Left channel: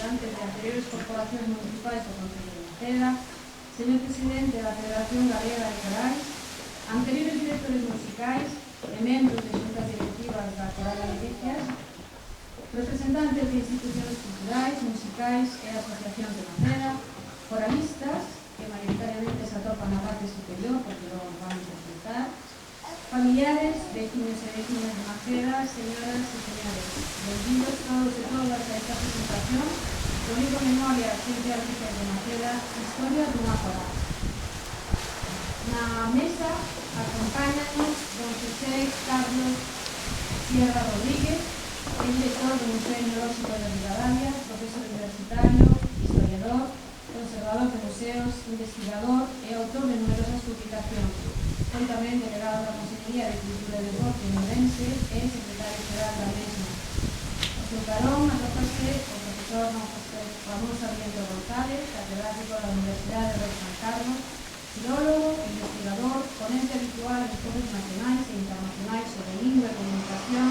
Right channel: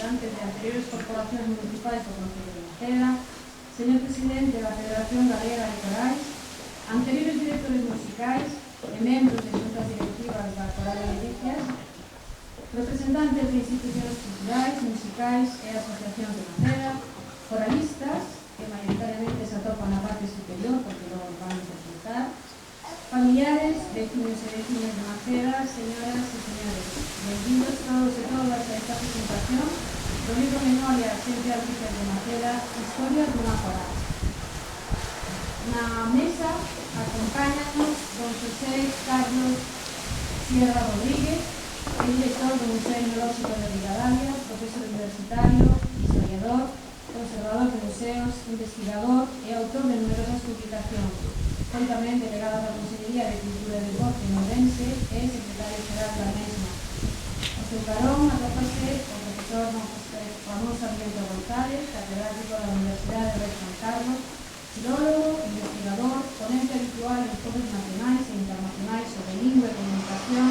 representantes de anteriores corporacións municipais do Concello de Maceda, señor presidente da Federación Galega de Corais, anteriores directores musicais e membros de xuntas directivas da Coral de Delicias, representantes de institucións culturais, musicais e asociacións de Maceda, coralistas, que maioritariamente se atopan na parte superior, porque logo van a consultar, familiares, vecinos e vecinas de Maceda, señoras e señores, benvidos todos e todas a esta presentación do libro Memoria Xente Alicias de Maceda, Historia dunha coral. Na mesa acompáñanos don José Carlos Sierra Rodríguez, director do Museo Etnolóxico de Ribadavia, profesor universitario, historiador, conservador de museos, investigador e autor de numerosas publicacións. Foi tamén delegado da Consellería de Cultura e Deporte en Ourense e secretario xeral da mesma. O seu carón atópase o profesor Ramón Sarmiento González, catedrático da Universidade de Rei Juan Carlos, filólogo, investigador, ponente habitual en foros nacionais e internacionais sobre lingua e comunicación,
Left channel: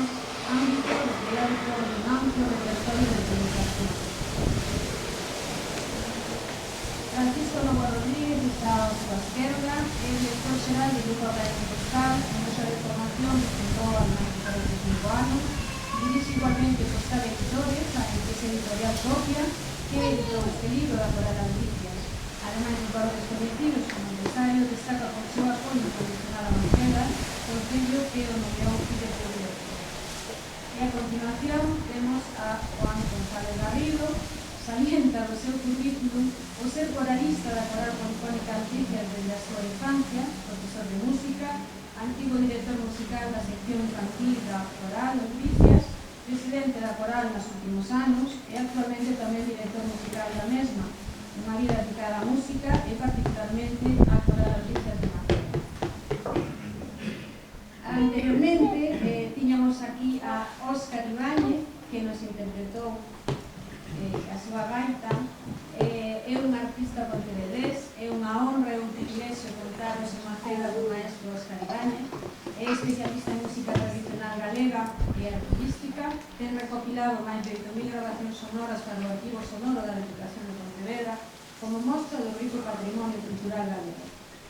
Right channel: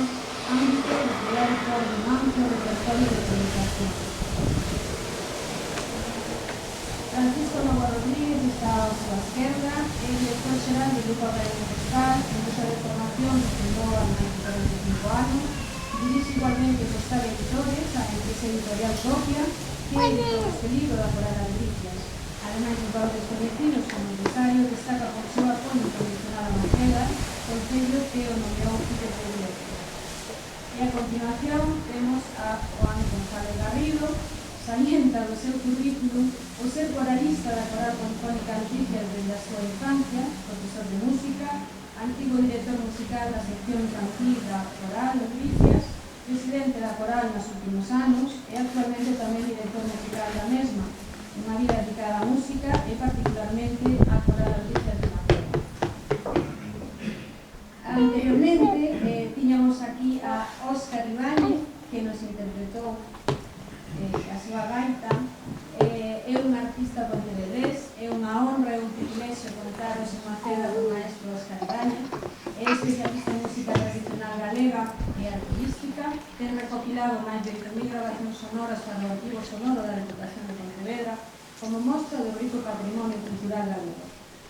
ámbito de teórico de un amplio repertorio de publicación. Francisco Novo Rodríguez está a súa esquerda, é director xeral do Grupo Académico Postal, en nosa de formación que fundou há máis de 45 anos, dirige igualmente Postal Editores, a empresa editorial propia, que editou este libro da Coral de Delicias. Ademais de valores coñecidos como empresario, destaca por seu apoio incondicional a Maceda, concello que o nomeou director. E a continuación temos a Juan González Garrido, salienta do seu currículum o ser coralista da Coral Polifónica Alicias desde a súa infancia, profesor de música, antigo director musical da sección infantil da Coral Alicias, presidente da Coral nos últimos anos e actualmente tamén director musical da mesma, unha vida dedicada á música e particularmente á Coral Alicias de Maceda. Anteriormente tiñamos aquí a Óscar Ibáñez, que nos interpretou a súa gaita. É un artista pontevedrés, é unha honra e un privilexio contaros en Maceda do maestro Óscar Ibáñez. É especialista en música tradicional galega e artística, ten recopilado máis de 8.000 grabacións sonoras para o arquivo sonoro da Deputación de Pontevedra como mostra do rico patrimonio cultural galego.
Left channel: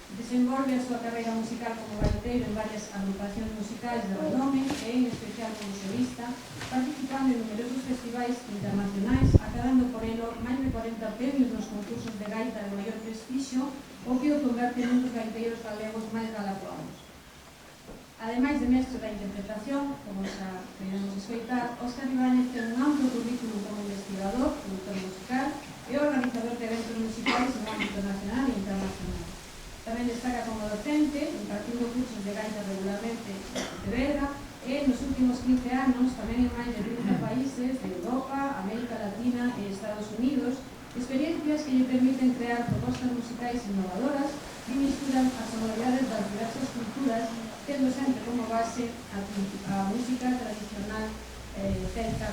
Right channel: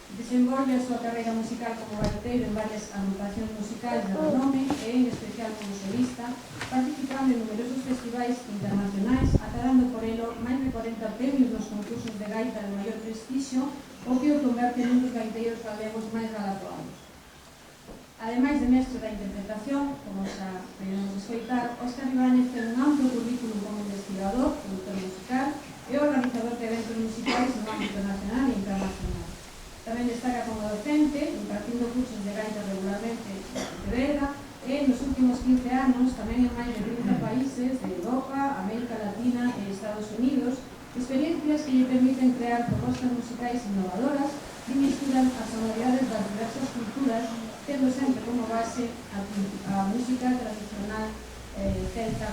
Desenvolve a súa carreira musical como gaiteiro en varias agrupacións musicais de renome e en especial como solista, participando en numerosos festivais internacionais, acadando por elo máis de 40 premios nos concursos de gaita de maior prestixio, o que o converte nun dos gaiteiros galegos máis galardoados. Ademais de mestre da interpretación, como xa podemos escoitar, Óscar Ibáñez ten un amplo currículum como investigador, productor musical e organizador de eventos musicais no ámbito nacional e internacional. Tamén destaca como docente, impartindo cursos de gaita regularmente en Pontevedra e nos últimos 15 anos tamén en máis de 30 países de Europa, América Latina e Estados Unidos, experiencias que lle permiten crear propostas musicais innovadoras que misturan as sonoridades das diversas culturas, tendo sempre como base a música tradicional celta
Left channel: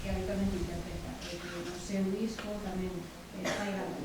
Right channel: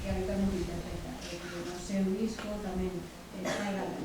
que habitualmente interpreta, que no seu disco tamén fai gala.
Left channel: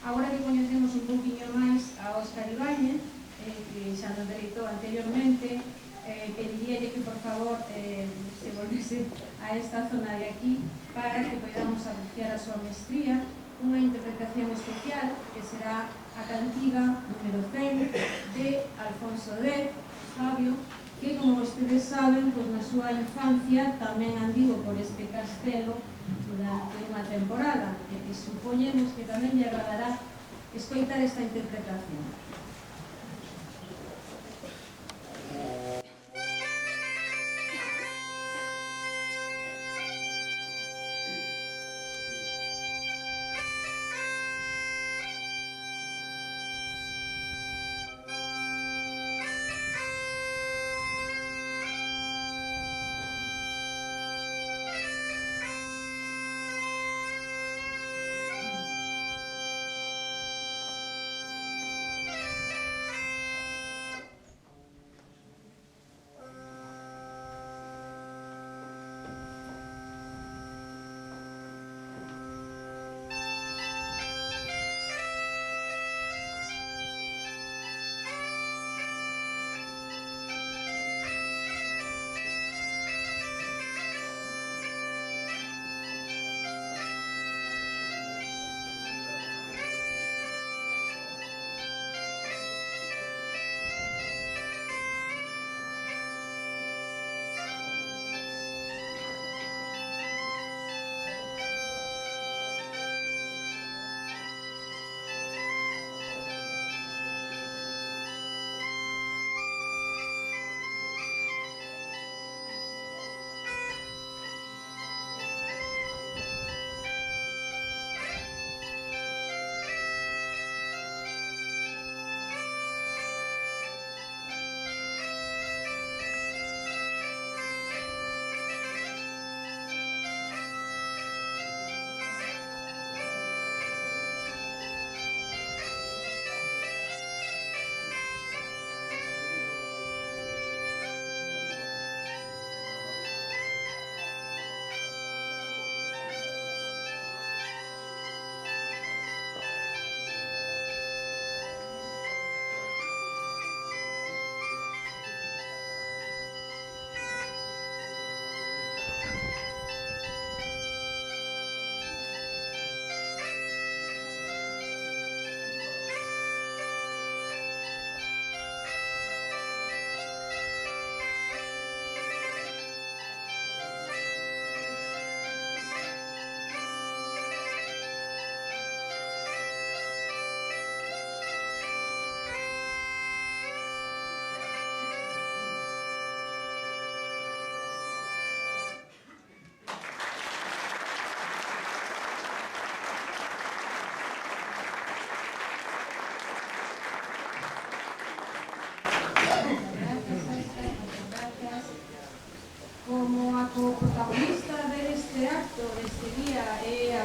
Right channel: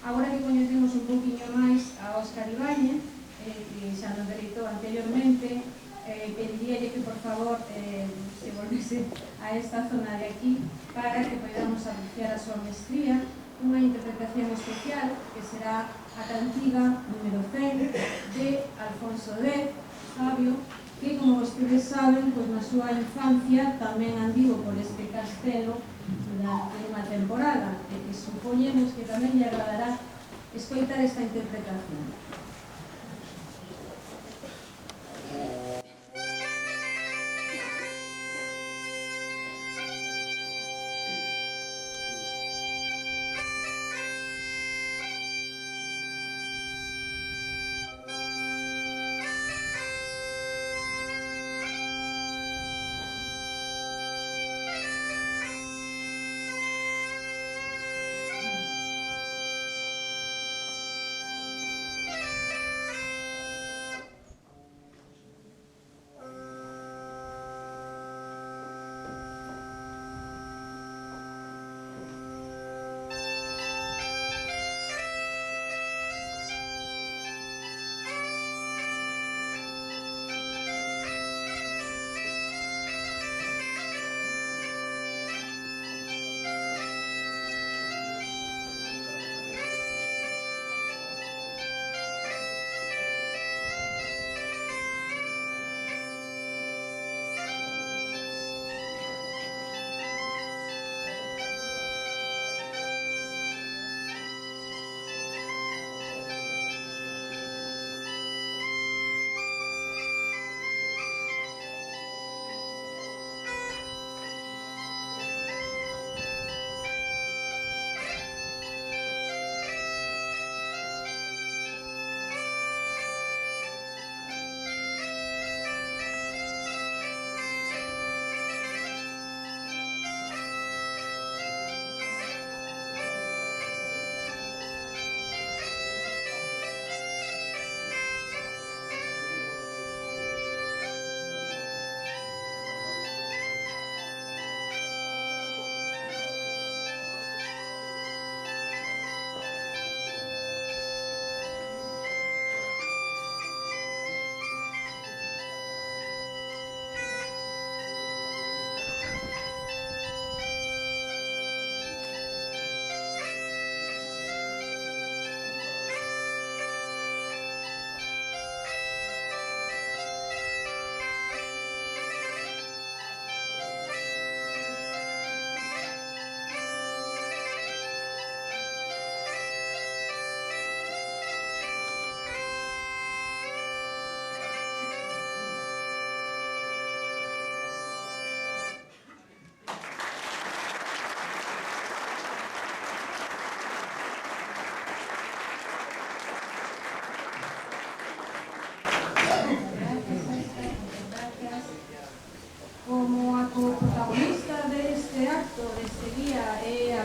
Agora que coñecemos un poquinho máis a Óscar Ibáñez, que xa nos deleitou anteriormente, pediríalle que por favor se volvese a esta zona de aquí para que podamos apreciar a súa mestría, unha interpretación especial que será a cantiga número 100 de Alfonso X, sabio, que, como vostedes saben, pois na súa infancia tamén andivo por este castelo durante unha temporada, e que supoñemos que tamén lle agradará escoitar esta interpretación.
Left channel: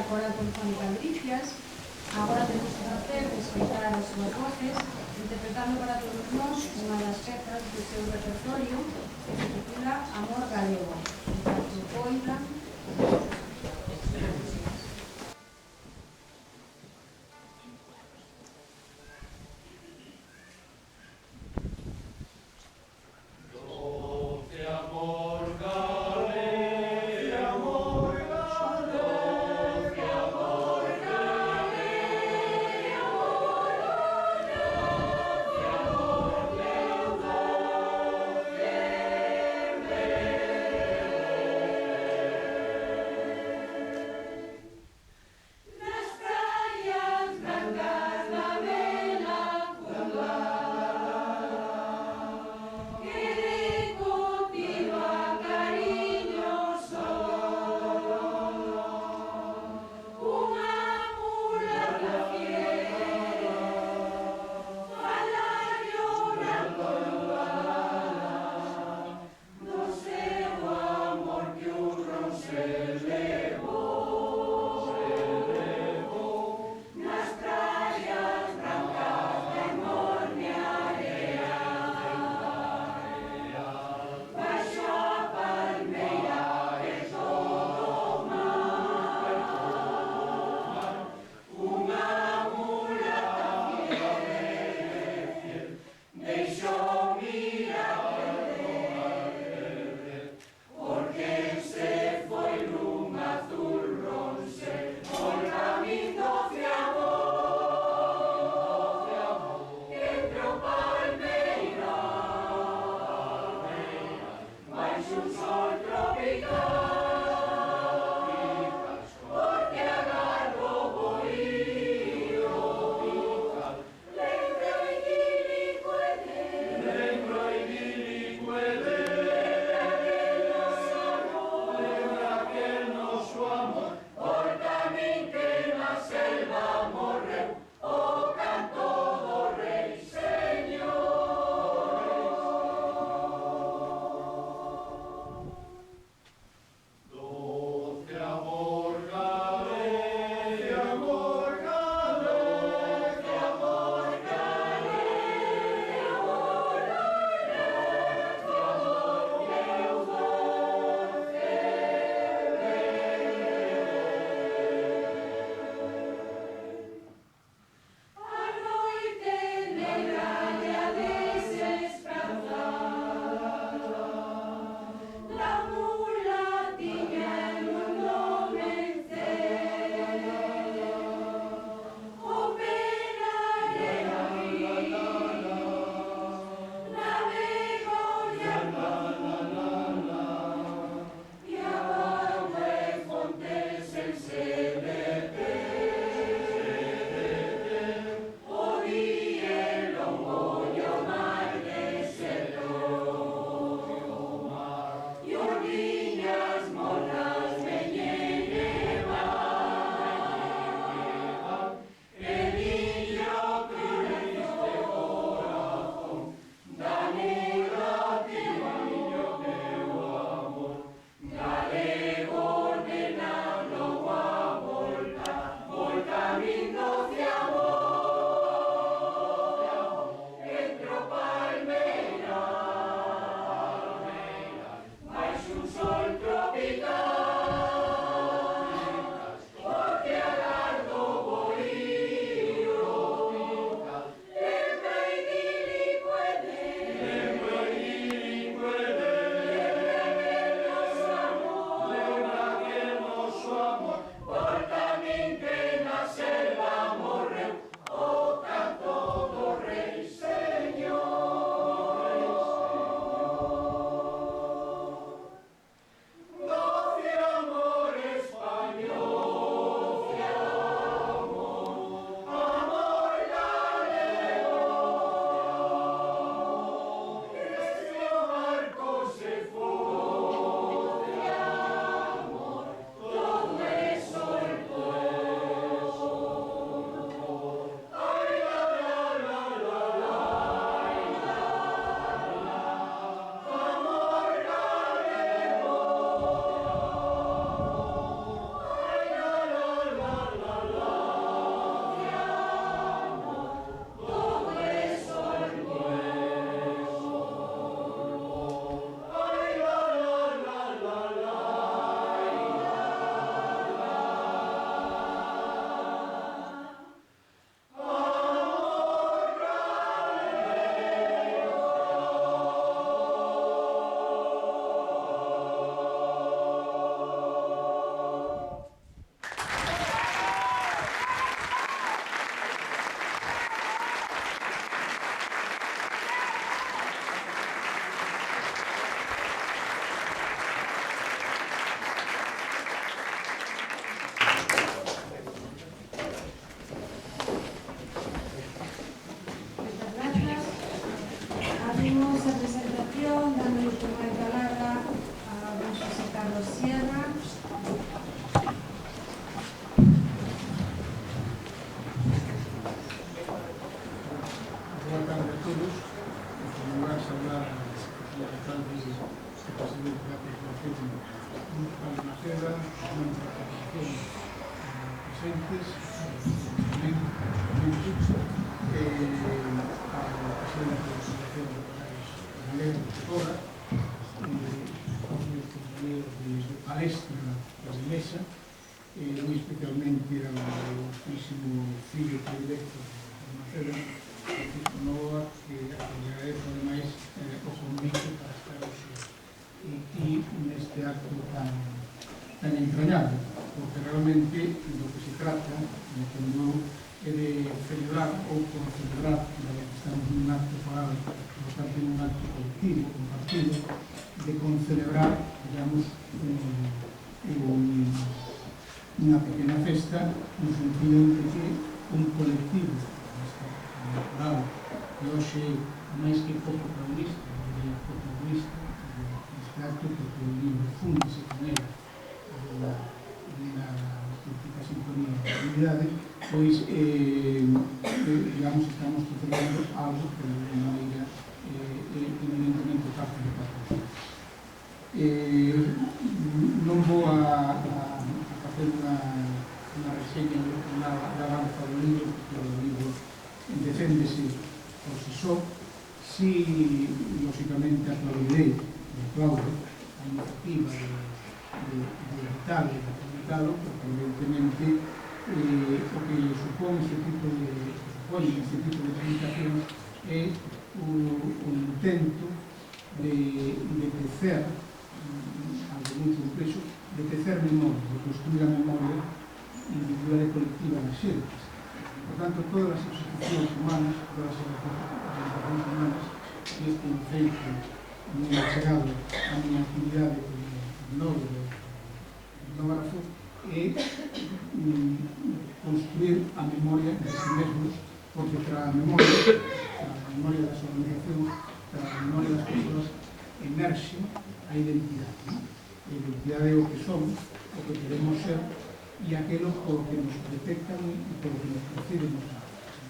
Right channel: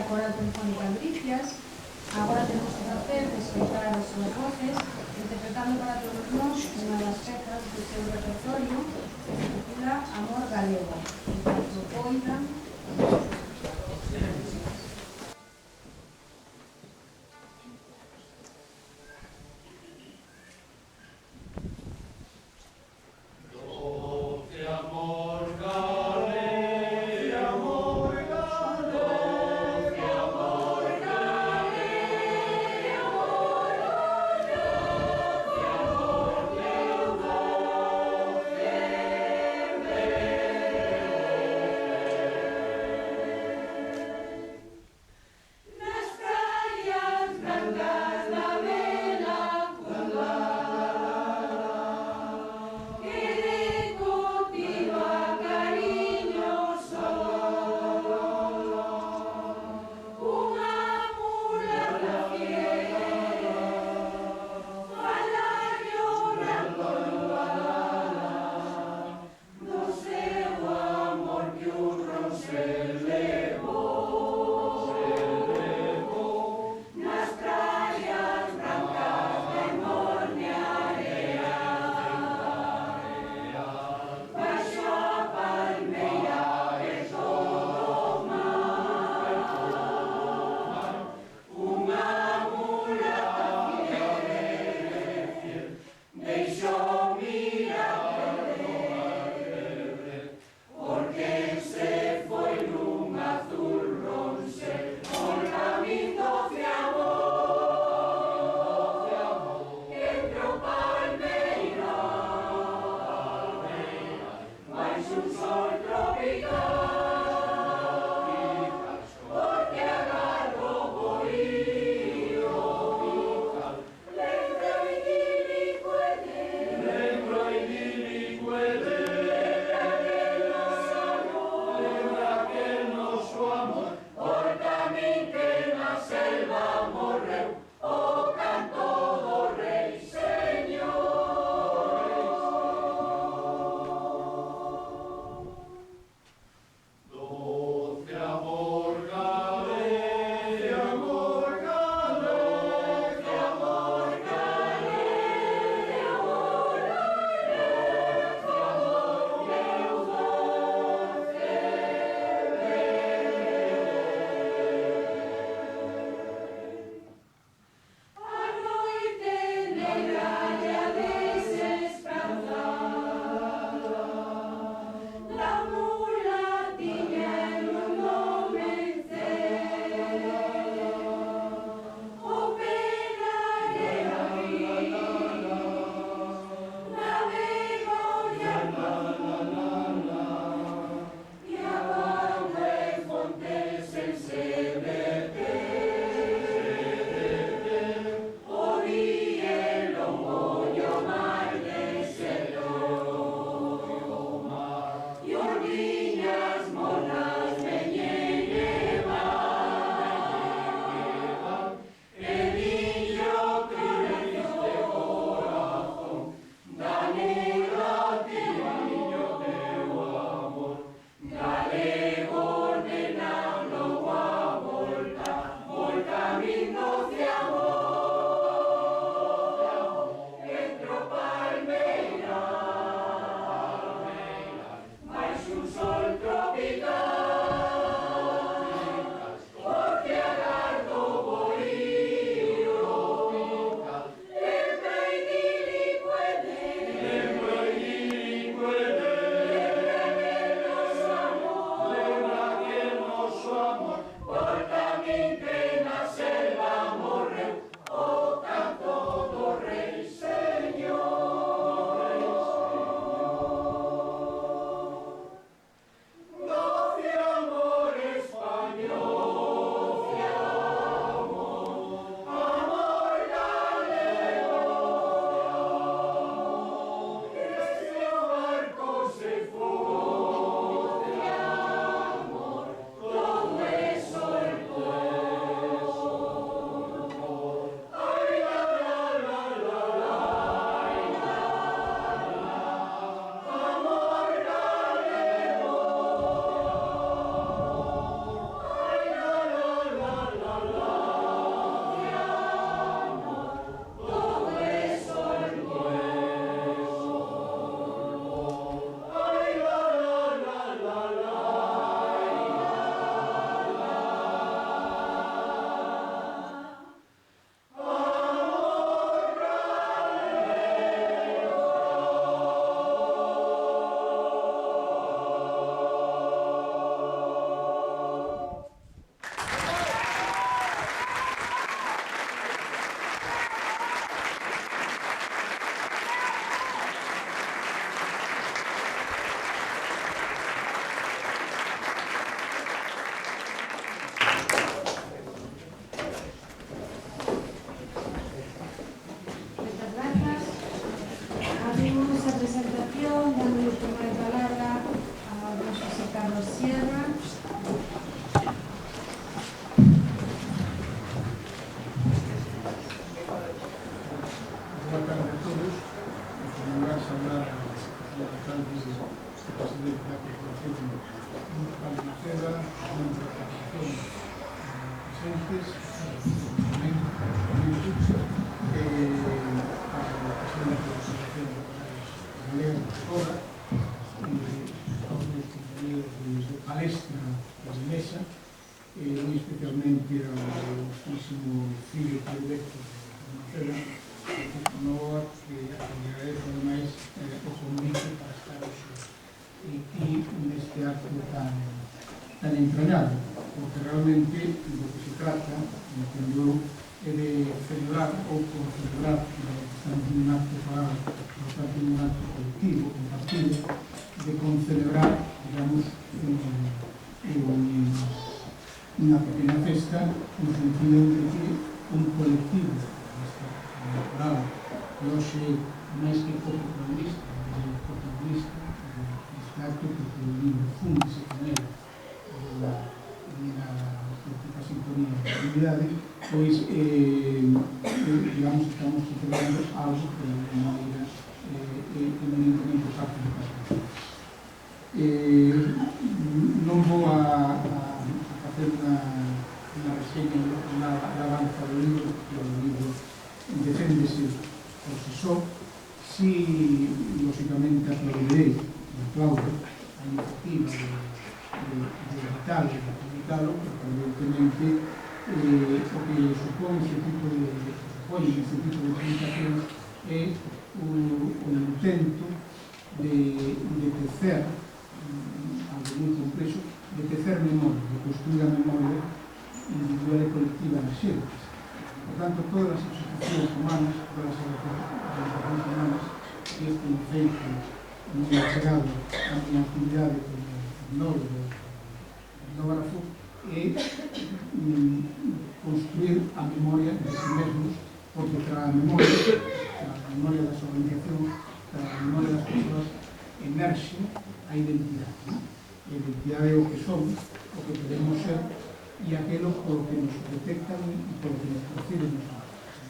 Coral Polifónica Bricias. Agora temos o placer de escoitar as súas voces, interpretando para todos nós unha das pezas do seu repertorio que se titula Amor Galego. Enquanto poidan, presentes, tamén Puxa, a presidente da Asociación de Empresarios Galegos de Torra, aos meus compañeros de palestra de mesa, moi especialmente ao ilustrísimo fillo predilecto de Maceda, Francisco Novoa, que agradezo ademais o convite para estar aquí neste acto tan entrañable, porque realmente do que se trata, entendo, é de celebrar ou concelebrar, que estamos nun acto foral, por tanto nun acto colectivo, compartido, de concelebrar, digamos, unha pequena festa, no sentido de que un colectivo foral, que hoxe, máis que protagonista, deste acto, porque o libro fúndese con ela, na auténtica sintonía da comunidade, pois, digamos, estamos celebrando algo que de alguma maneira eminentemente parte do patrimonio. Non vou a facer unha reseña, unha alabanza do libro, porque o libro deféndese por si só. Si, lógicamente, aplaudirei a iniciativa de editarlo e de publicarlo, porque evidentemente o que supón este tipo de publicacións é un intento de tecer algo moi complexo, de tecer memoria, de construir a memoria individual e colectiva nas xentes. Por tanto, todas as institucións humanas, todas as organizacións humanas, e este é un feito moi achegado a miña actividade como etnólogo, etnógrafo, é construir a memoria de si mesmos, porque tras a memoria das organizacións, tras a memoria das persoas, emerxe a identidade. A identidade é o que somos, o que queremos ser, e aquelo por que nos detectan e por que nos perciben os demás.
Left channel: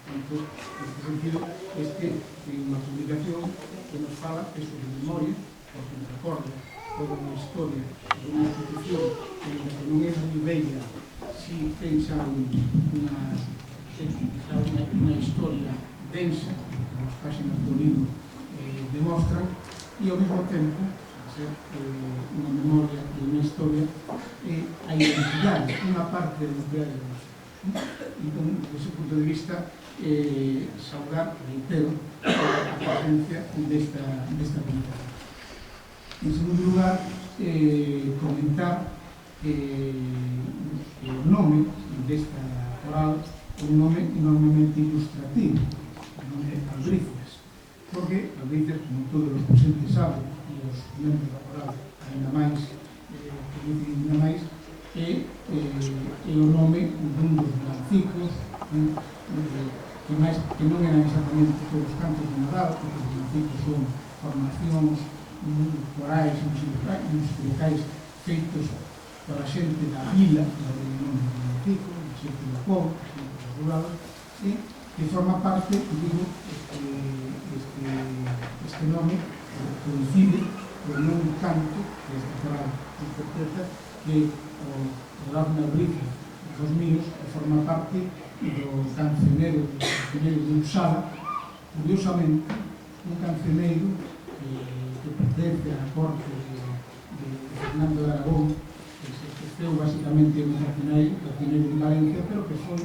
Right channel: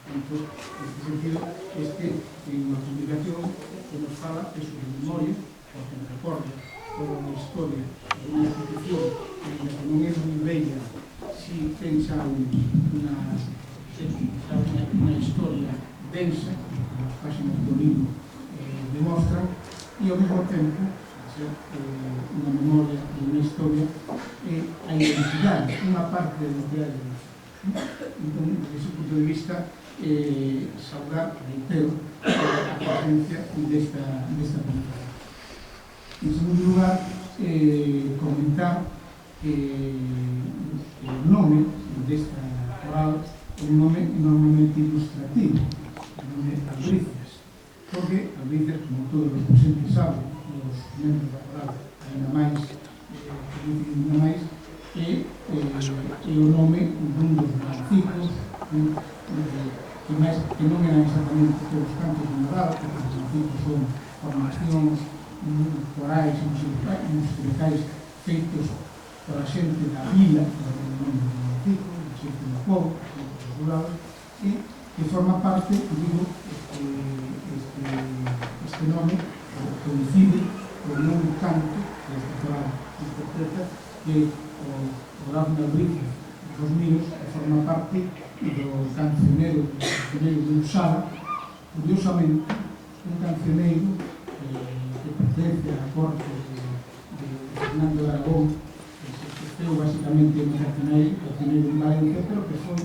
Entón, neste sentido, este é unha publicación que nos fala de sobre memoria, porque nos recorda toda unha historia de unha institución que non é moi bella, si pensa unha historia densa, que as páxinas do libro demostran, e ao mesmo tempo, unha memoria e unha historia, a identidade, unha parte da identidade de nós. Entón, desde ese punto de vista, saudar, reitero, a presencia desta comunidade. En segundo lugar, comentar que o nome desta coral é un nome enormemente ilustrativo, o nome de Albricias, porque Albricias, como todos os presentes saben, e os membros da coral ainda máis, é o nome dun dos villancicos que non eran exactamente todos os cantos de Nadal, porque os villancicos son formacións corais musicais feitos pola xente da vila, do nome do villancico, da xente do povo, da xente dos rurales, e que forma parte, digo, este nome coincide con un canto que esta coral interpreta, que o Dafne Albricias dos Míos, que forma parte do cancioneiro de Usada, curiosamente, un cancioneiro que pertence á corte de Fernando de Aragón, que se exerceu basicamente un cancioneiro en Valencia, pero que foi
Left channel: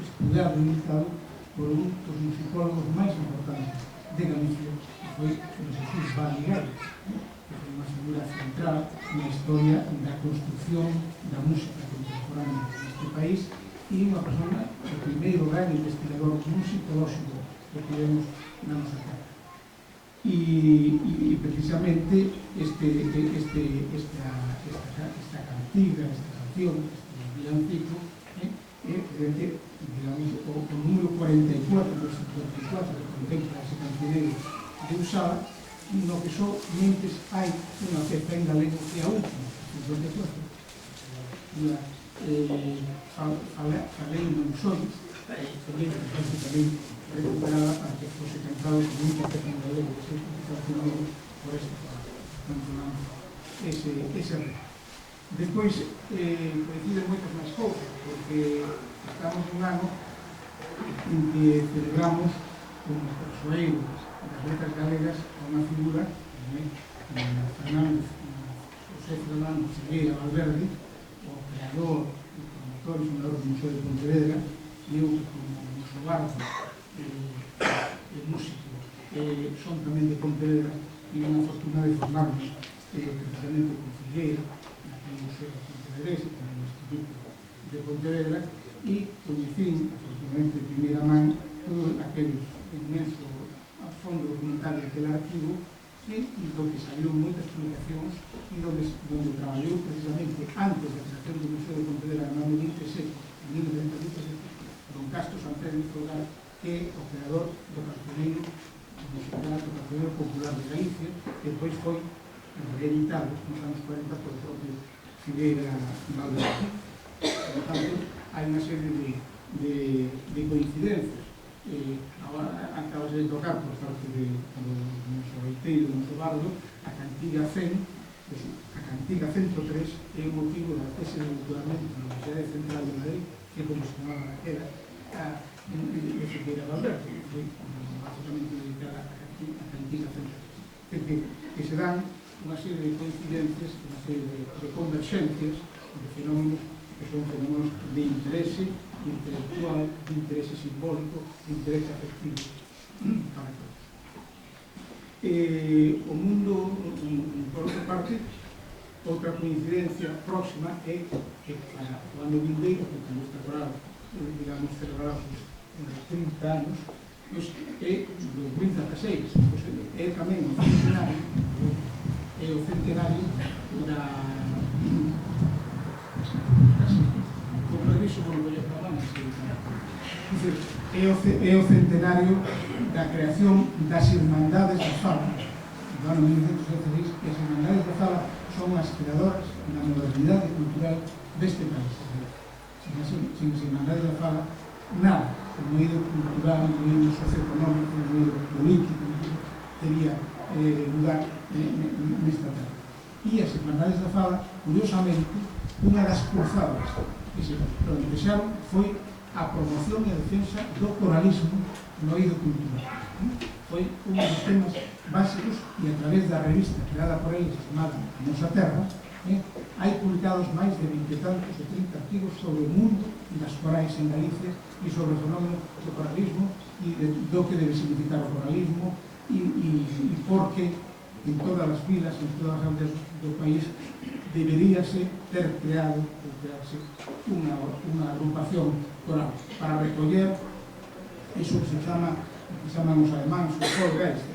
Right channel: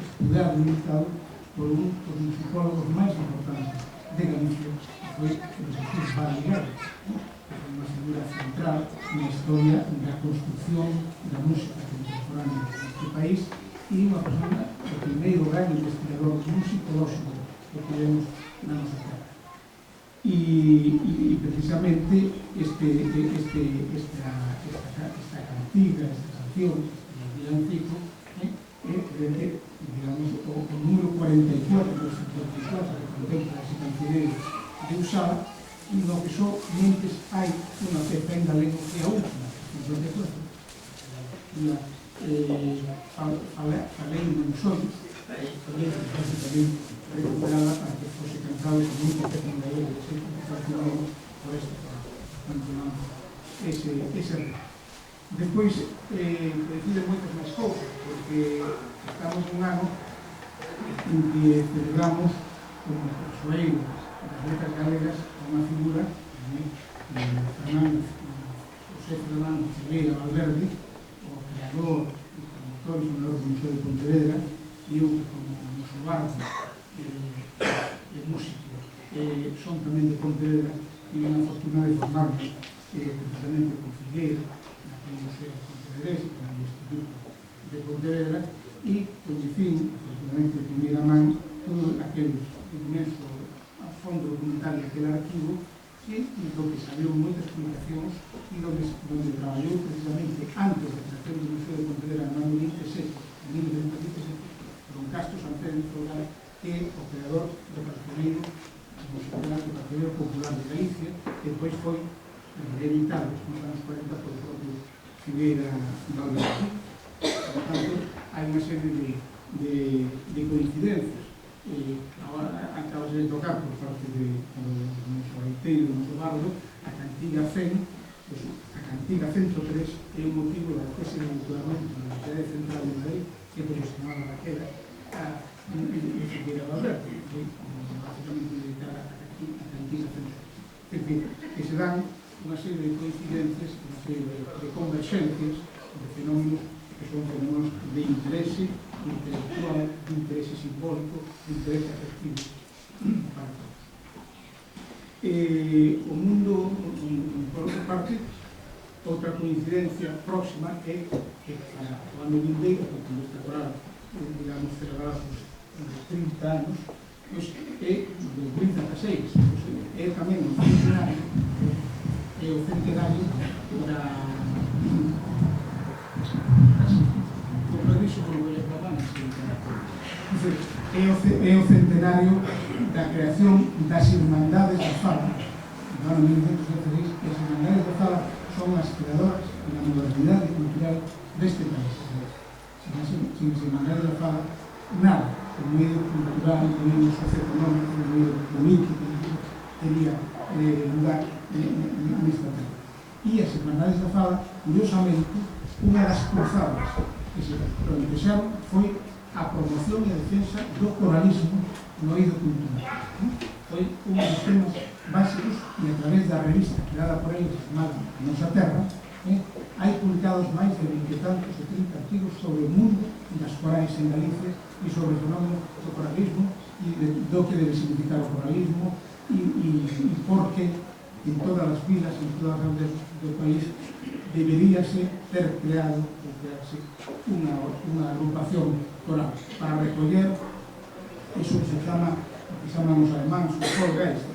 estudado e editado por un dos musicólogos máis importantes de Galicia, que foi Jesús Barrigado, que é unha figura central na historia da construcción da música contemporánea neste país e unha persona, o primeiro gran investigador musicolóxico que temos na nosa terra. E precisamente esta cantiga, esta canción, este villancico, é, digamos, o número 44 do 54 que contempla ese cancioneiro de Usada, no que somente hai unha peza en galego que é a última, 54. Falei non son, tamén recuperada para que fose cantado con un peza en galego de 54 por este programa. Ese reto. Despois, coinciden moitas máis cousas, porque estamos nun ano en que celebramos como persoeiro das letras galegas a unha figura de Fernando José Fernando Figueira Valverde, o creador e promotor e fundador do Museo de Pontevedra, e eu como musobardo e músico son tamén de Pontevedra, e unha fortuna de formarme precisamente con Figueira naquele Museo Pontevedrés e con o Instituto de Pontevedra, e coñecín, afortunadamente de primeira man, todo aquel inmenso fondo documentario aquel arquivo, e do que salieron moitas publicacións e donde traballou precisamente antes da creación do Museo de Pontevedra en 1927, don Castro Sanfélix Frogal, que é o creador do cancioneiro musical, do cancioneiro popular de Galicia, que depois foi reeditado nos anos 40 por o propio Figueira Valverde. Por tanto, hai unha serie de coincidencias. Acabas de tocar por parte do noso gaiteiro, do noso bardo, a cantiga 100. A cantiga 103 é o motivo da tese de doutoramento na Universidade Central de Madrid, que posicionaba daquela a Figueira Valverde, que foi basicamente dedicada a cantiga 103. Que se dan unha serie de coincidencias, unha serie de converxencias de fenómenos que son fenómenos de interese intelectual, de interese simbólico, de interese afectivo para todos. O mundo, por outra parte, outra coincidencia próxima é que para o ano vindeiro, que como está agora, digamos, celebrado uns 30 anos, é do 2016, é tamén o centenario da é o centenario da creación das Irmandades da Fala no ano 1916, e as Irmandades da Fala son as creadoras da modernidade cultural deste país. Sin as Irmandades da Fala, nada, o medio cultural, o medio socioeconómico, o medio político teria lugar nesta terra. E as Irmandades da Fala, curiosamente, unha das cruzadas que se plantexaron foi a promoción e a defensa do coralismo no eido cultural. Foi un dos temas básicos, e a través da revista creada por eles chamada A Nosa Terra, hai publicados máis de 20 e tantos e 30 artigos sobre o mundo das corais en Galicia e sobre o fenómeno do coralismo e do que debe significar o coralismo e por que en todas as vilas, en todas as aldeas do país deberíase ter creado ou crearse unha agrupación coral para recoller iso que se chama, que chaman os alemáns os Volksgeist,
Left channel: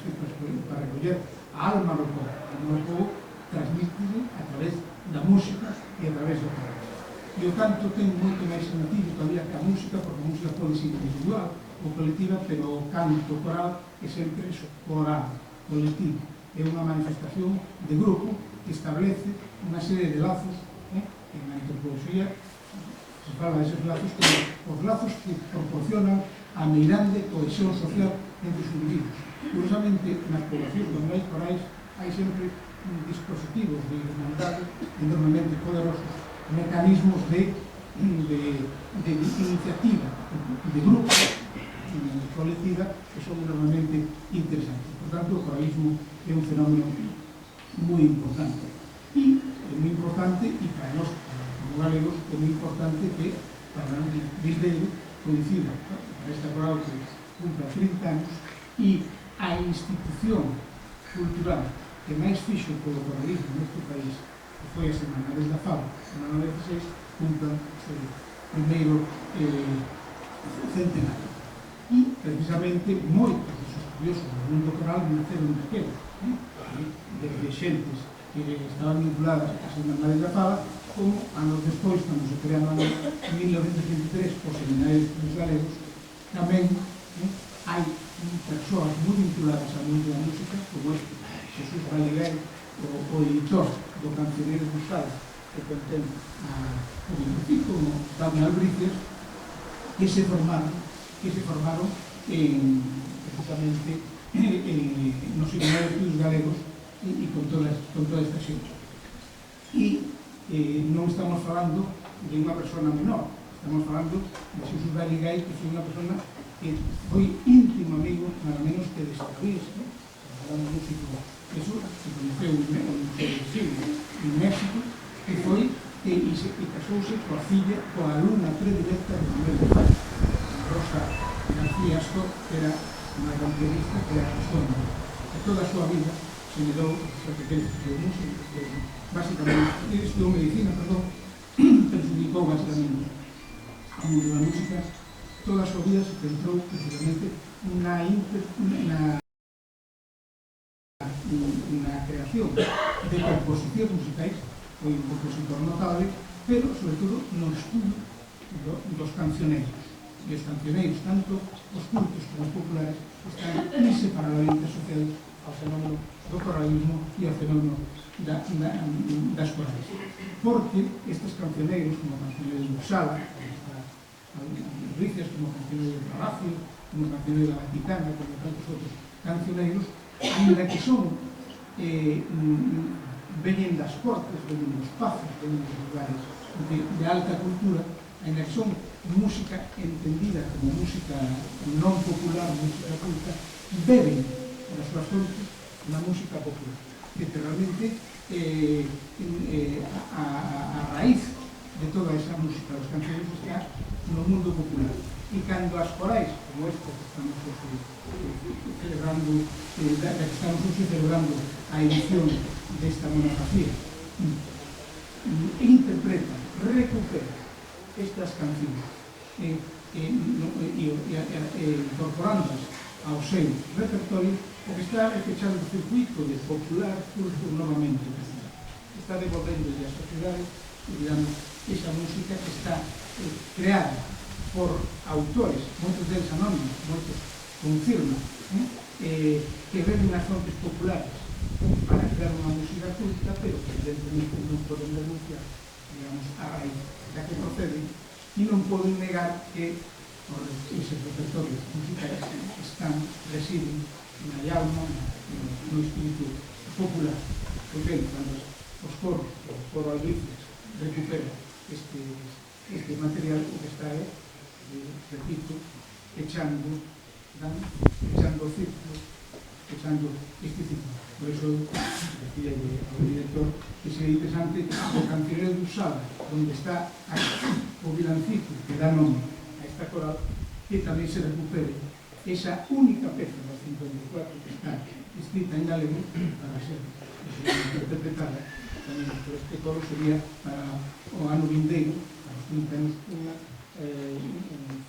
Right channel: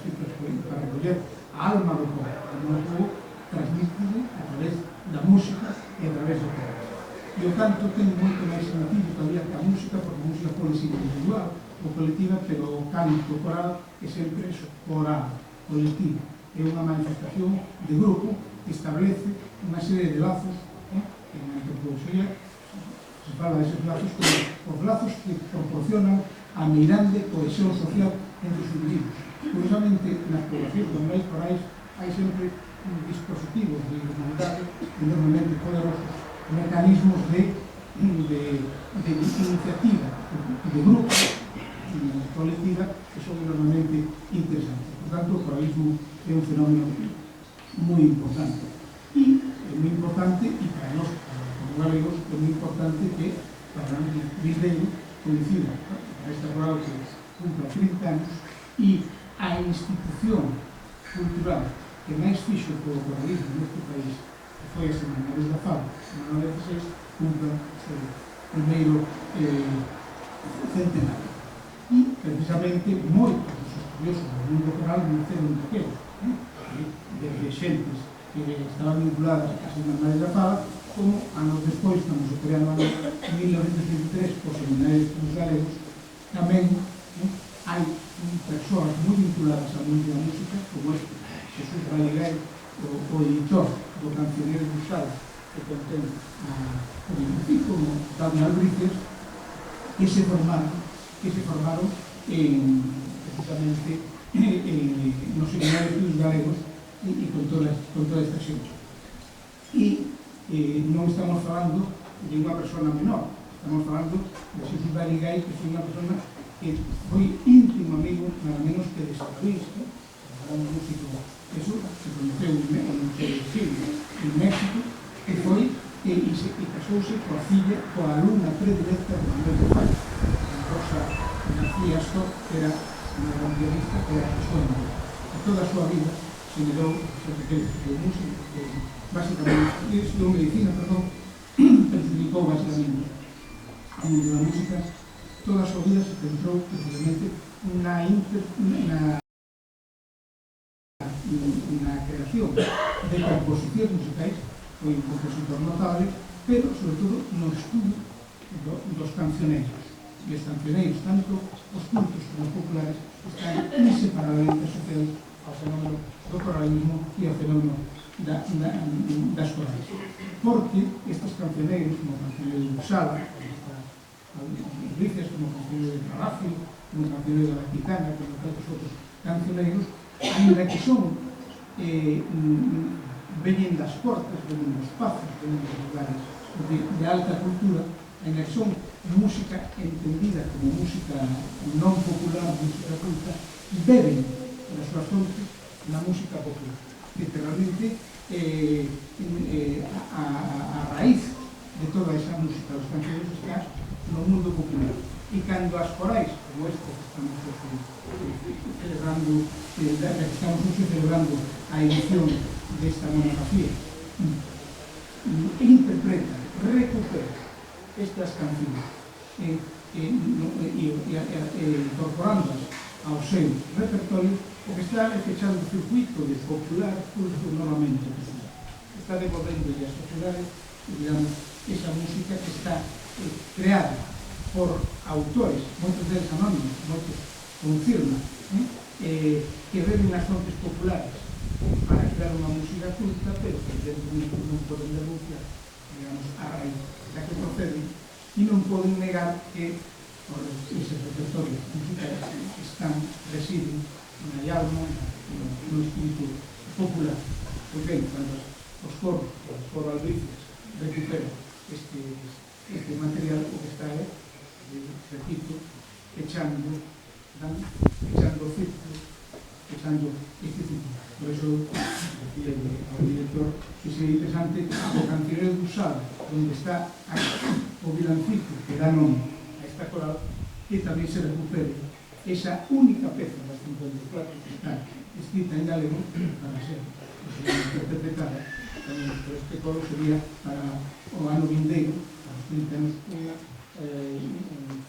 para recoller a alma do povo. A alma do povo transmítese a través da música e a través do coral. E o canto ten moito máis sentido todavía que a música, porque a música pode ser individual ou colectiva, pero o canto coral é sempre eso, coral, colectivo. É unha manifestación de grupo que establece unha serie de lazos, en a antropoloxía se fala deses lazos como os lazos que proporcionan a meirande cohesión social entre os individuos. Curiosamente, nas poblacións onde hai corais hai sempre dispositivos de irmandade enormemente poderosos, mecanismos de iniciativa, de grupo, colectiva, que son enormemente interesantes. Por tanto, o coralismo é un fenómeno moi importante. E é moi importante, e para nós, como galegos, é moi importante que para nós Vindeiro coincida para esta coral que cumpla 30 anos e a institución cultural que máis fixo polo coralismo neste país, que foi as Irmandades da Fala, no 1916, cumpla o primeiro centenario. E, precisamente, moitos dos estudiosos do mundo coral naceron daquela, desde xentes que estaban vinculadas ás Irmandades da Fala, como anos despois, estamos creando ano 1923, por seminarios dos galegos, tamén hai persoas moi vinculadas ao mundo da música, como este Jesús Balaguer, o editor do Cancioneiro Cruzado, que contén o bibliotec, como Dani Albrices, que se formaron precisamente nos seminarios dos galegos e con toda esta xente. E non estamos falando de unha persona menor, estamos falando de Xesús Garigay, que foi unha persona que foi íntimo amigo, nada menos que de Stravinsky, un músico que se conoceu en México, que foi e casouse coa filla, coa alumna predilecta de Manuel de Falla, Rosa García Astor, que era unha gran pianista que era a súa mãe. E toda a súa vida se medou que música, que basicamente estudou medicina, pero se dedicou basicamente ao mundo da música. Toda a súa vida se centrou precisamente na creación de composicións musicais. Foi un compositor notable, pero sobre todo no estudo dos cancioneiros. E os cancioneiros, tanto os cultos como os populares, están inseparablemente asociados ao fenómeno do coralismo e ao fenómeno das corais. Porque estes cancioneiros, como o cancioneiro de Upsala, como Ricias, como o cancioneiro de Palacio, como o cancioneiro da Vaticana, como tantos outros cancioneiros, ainda que son veñen das cortes, veñen dos pazos, veñen dos lugares de alta cultura, ainda que son música entendida como música non popular, música culta, beben nas súas fontes na música popular. Que realmente a raíz de toda esa música dos canciones está no mundo popular. E cando as corais, como esta que estamos celebrando a edición desta monografía, interpreta, recupera estas cancións incorporándolas ao seu repertorio, o que está fechando o circuito de popular culto novamente. Está devolvendo a sociedade, digamos, esa música que está creada por autores, moitos deles anónimos, moitos con firma, que beben nas fontes populares para crear unha música culta, pero que evidentemente non poden denunciar, digamos, a raíz da que proceden, e non poden negar que eses repertorios musicais residen na alma, no espírito popular. Pois ben, cando os coros, o coro Albricias, recupera este material, o que está repito, echando o círculo, echando este círculo. Por eso, decía ao director que sería interesante o cancionero de Usada, onde está o vilancico que dá nome a esta coral, que tamén se recupere esa única peza das 54 que está escrita en galego para ser interpretada tamén por este coro. Sería para o ano vindeiro, para os 30 anos, unha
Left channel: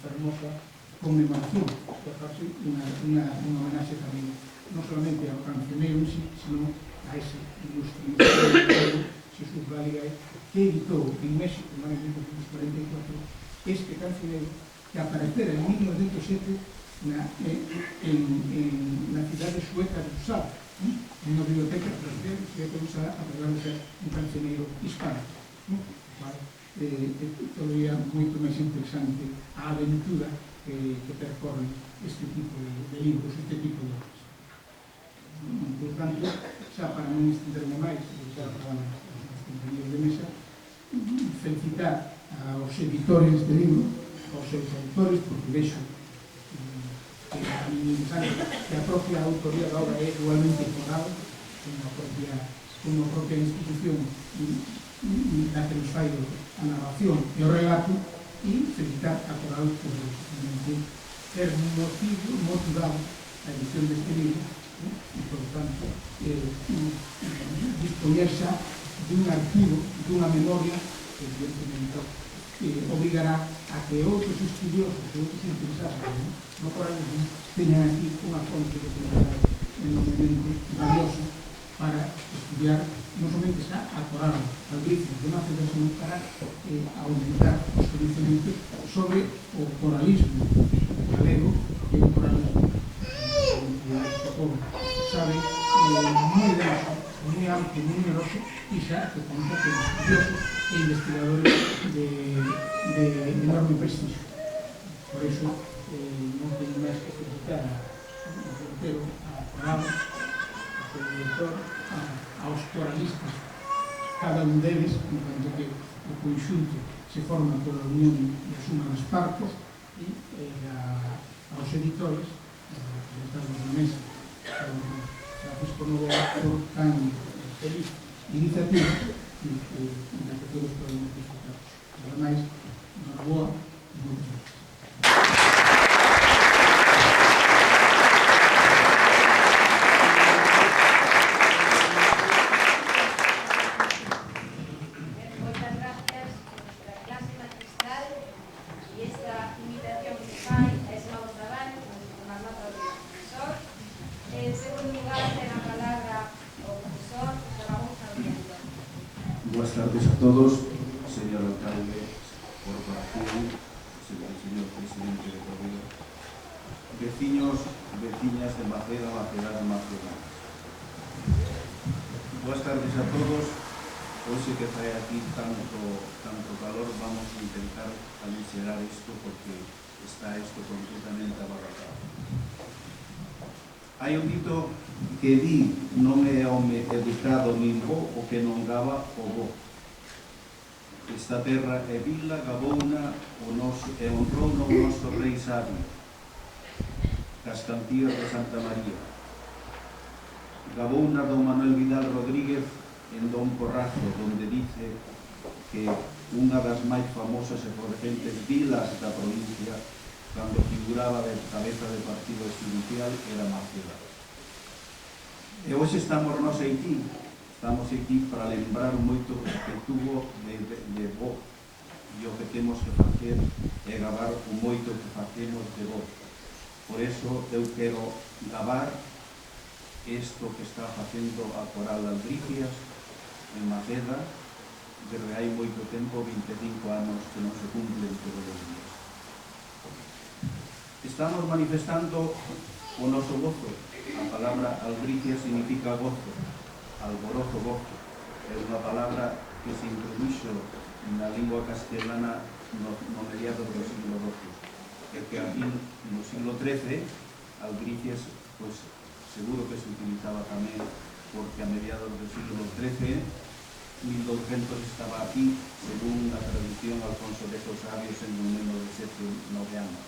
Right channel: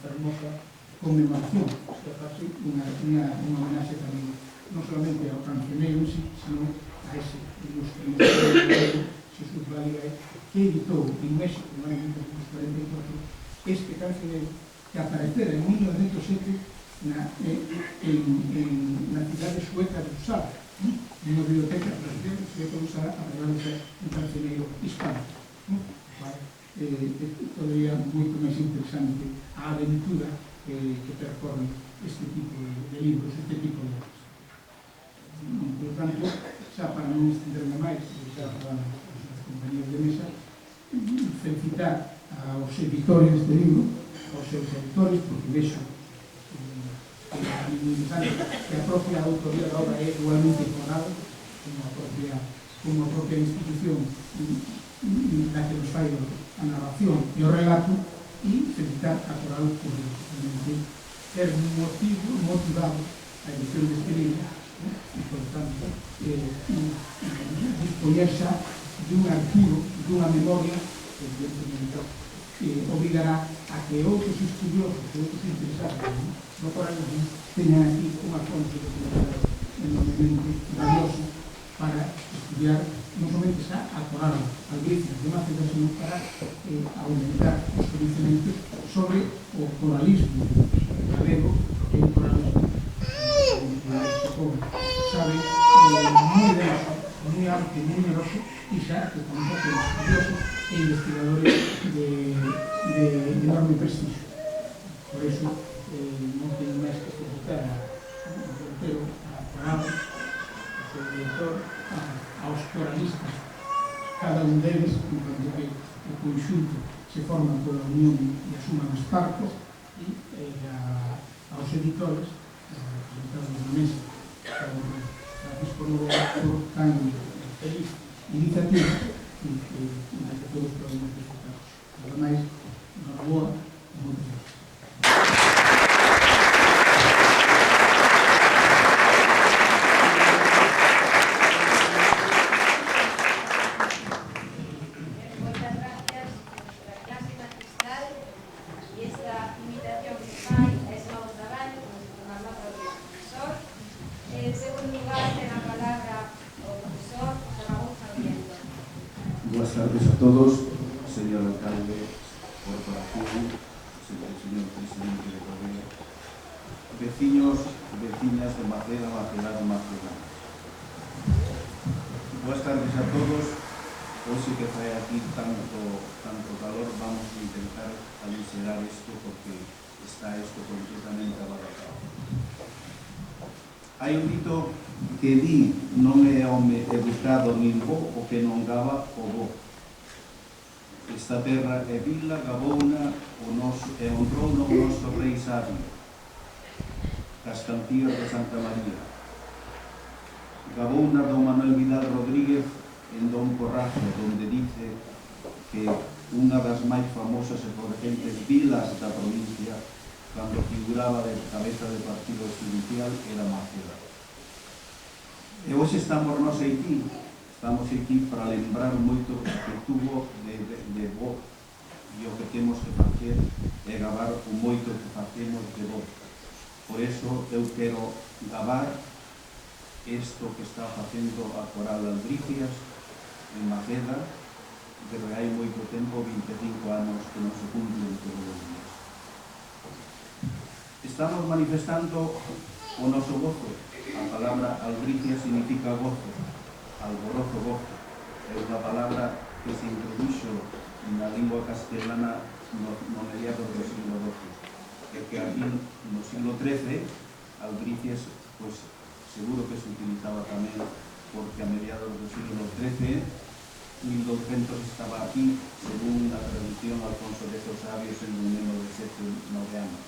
fermosa conmemoración, que faz unha homenaxe tamén non solamente ao cancioneiro en sí, sino a ese ilustre Xesús Garigay, que editou en México en 1944 este cancioneiro que aparecera en 1907 na cidade sueca de Uppsala, nunha biblioteca sueca de Uppsala, arreglándose un cancioneiro hispano. Todavía moito máis interesante a aventura que percorre este tipo de libros, este tipo de obras. Por tanto, xa para non estenderme máis, xa para os compañeros de mesa, felicitar aos editores deste libro, aos seus editores, porque vexo que a propia autoría da obra é igualmente foral, como a propia institución da que nos fai a narración e o relato, e felicitar a coral por ter motivado a edición deste libro, e, por tanto, dispoñer xa dun arquivo, dunha memoria que, evidentemente, obrigará a que outros estudiosos e outros interesados no coralismo teñan aquí unha fonte de documental enormemente valiosa para estudiar non somente xa a coral Albricias de Maceda, sino para aumentar os conhecimentos sobre o coralismo galego, que é un coralismo sabe, moi denso, moi amplio, moi numeroso, e xa que conta con estudiosos e investigadores de enorme prestigio. Por iso, non teño máis que felicitar ao portero, a coral, ao seu director, aos coralistas cada un deles, en cuanto que o conxunto se forma pola unión e a suma das partes, e aos editores, presentados na mesa, Francisco Novoa, por tan feliz iniciativa na que todos podemos disfrutar. Nada máis, Novoa, e moitas gracias. Buenas tardes a todos, señor alcalde, corporación, señor presidente de Correa, vecinos, vecinas de Maceda, Macedana, Macedanas. Buenas tardes a todos. Hoxe que fai aquí tanto calor, vamos a intentar aligerar isto porque está isto completamente abarrotado. Hai un dito que di non é home educado nin bo o que non gaba o bo. Esta terra é vila, gabouna e honrou o noso rei sabio, das cantías de Santa María. Gabouna do Manuel Vidal Rodríguez en Don Porrazo, donde dice que unha das máis famosas e potentes vilas da provincia, cando figuraba de cabeza de partido judicial, era Maceda. E hoxe estamos aquí para lembrar moito que tuvo de bo, e o que temos que facer é gabar o moito que facemos de bo. Por eso eu quero gabar isto que está facendo a Coral Albricias en Maceda, desde hai moito tempo, 25 anos que non se cumplen todos os días. Estamos manifestando o noso gozo. A palabra albricia significa gozo, alborozo, gozo. É unha palabra que se introduxo na lingua castelana no mediados do siglo XII. E que aquí no siglo XIII, albricias, pues seguro que se utilizaba tamén, porque a mediados do siglo XIII, 1200 estaba aquí, según a tradición, Alfonso X o Sabio, sendo un neno de 7-9 anos.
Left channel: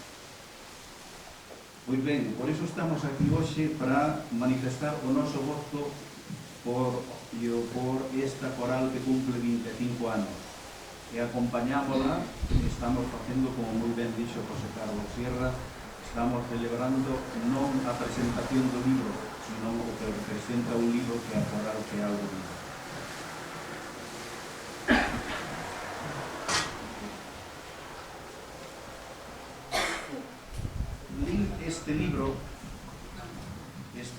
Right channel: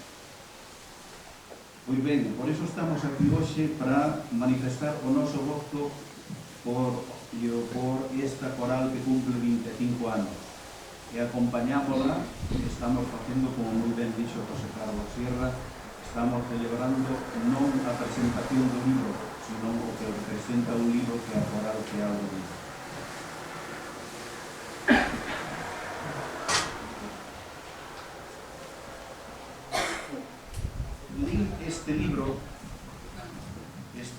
Pois ben, por iso estamos aquí hoxe para manifestar o noso gozo por esta coral que cumple 25 anos. E acompañámola, estamos facendo, como moi ben dixo José Carlos Sierra, estamos celebrando non a presentación do libro, sino o que representa un libro que a coral que algo vive. Este